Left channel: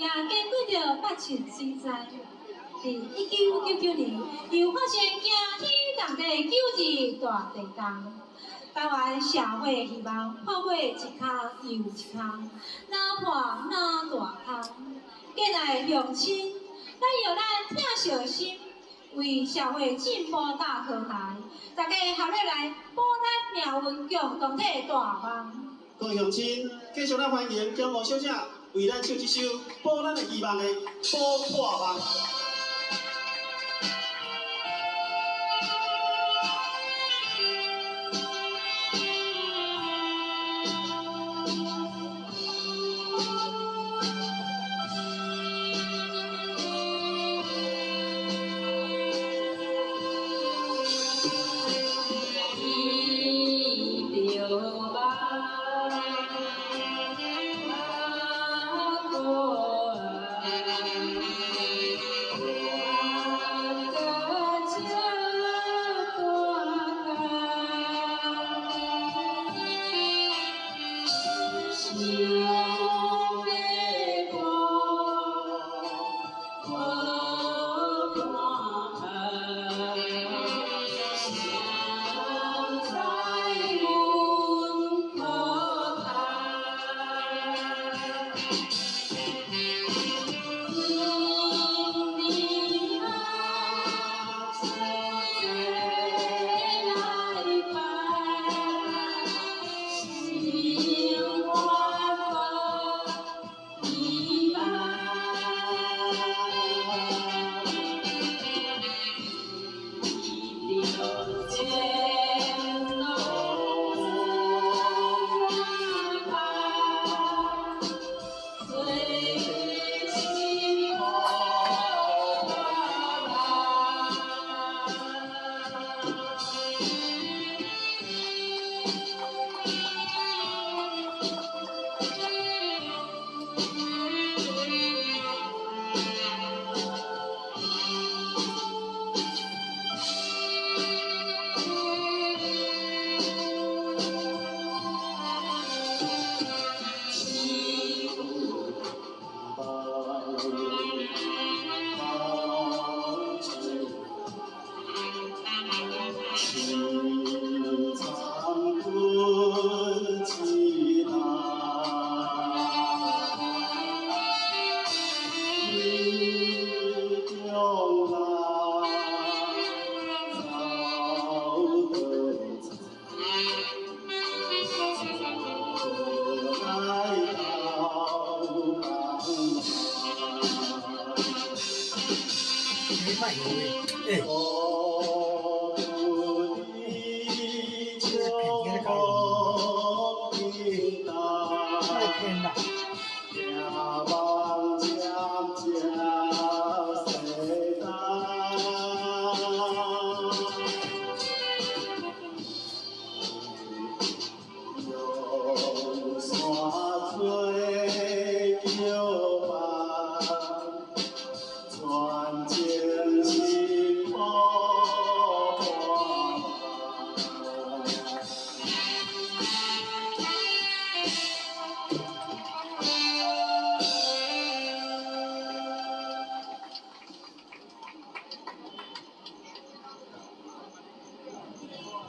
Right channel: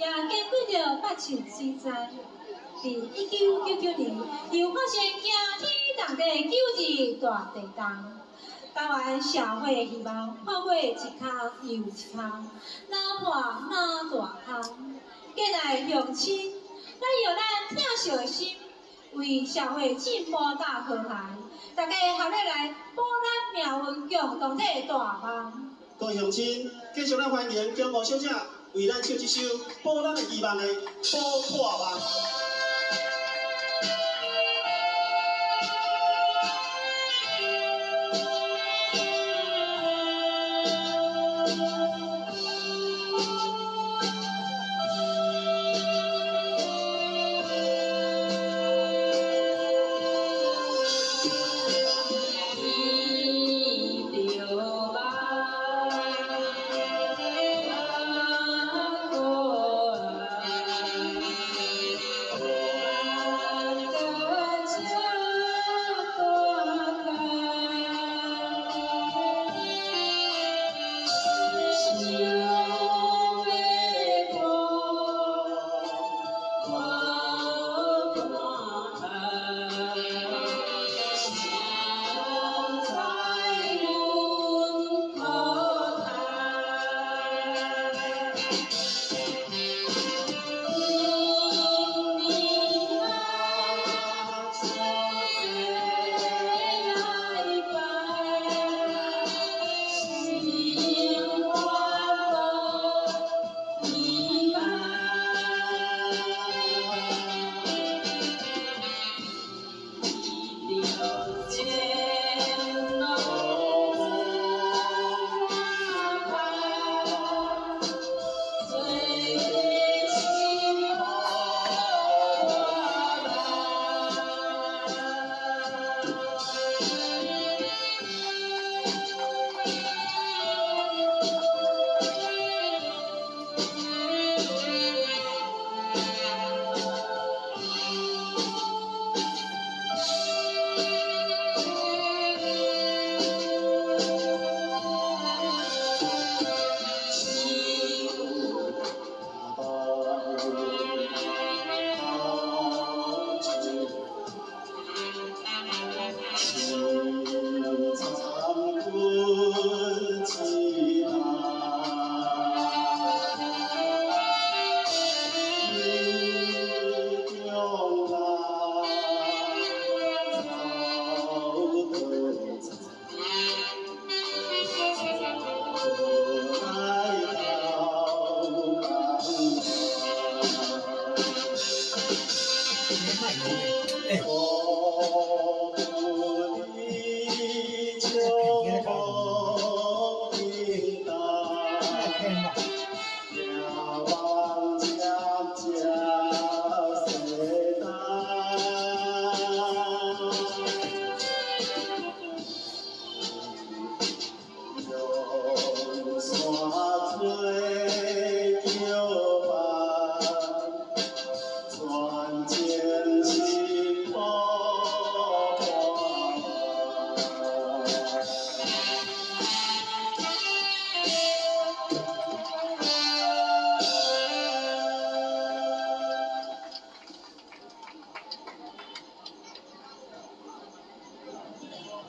也经过着8次水灾。伫1999年，又发生惊天动地9日大地震。台湾社会的希望破毁一项又一项，哪破哪大空。过来乡亲，咱用咱疼惜的心，为社会进步打好台。大家合力来保咱命运共同体大梦。各位乡亲，继续咱欢迎姜吴小姐为咱唱一首保咱的希望的《保大梦》。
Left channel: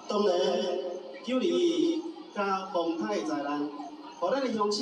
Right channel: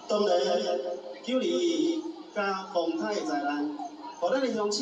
当然，922加风台的灾难，互咱的乡亲。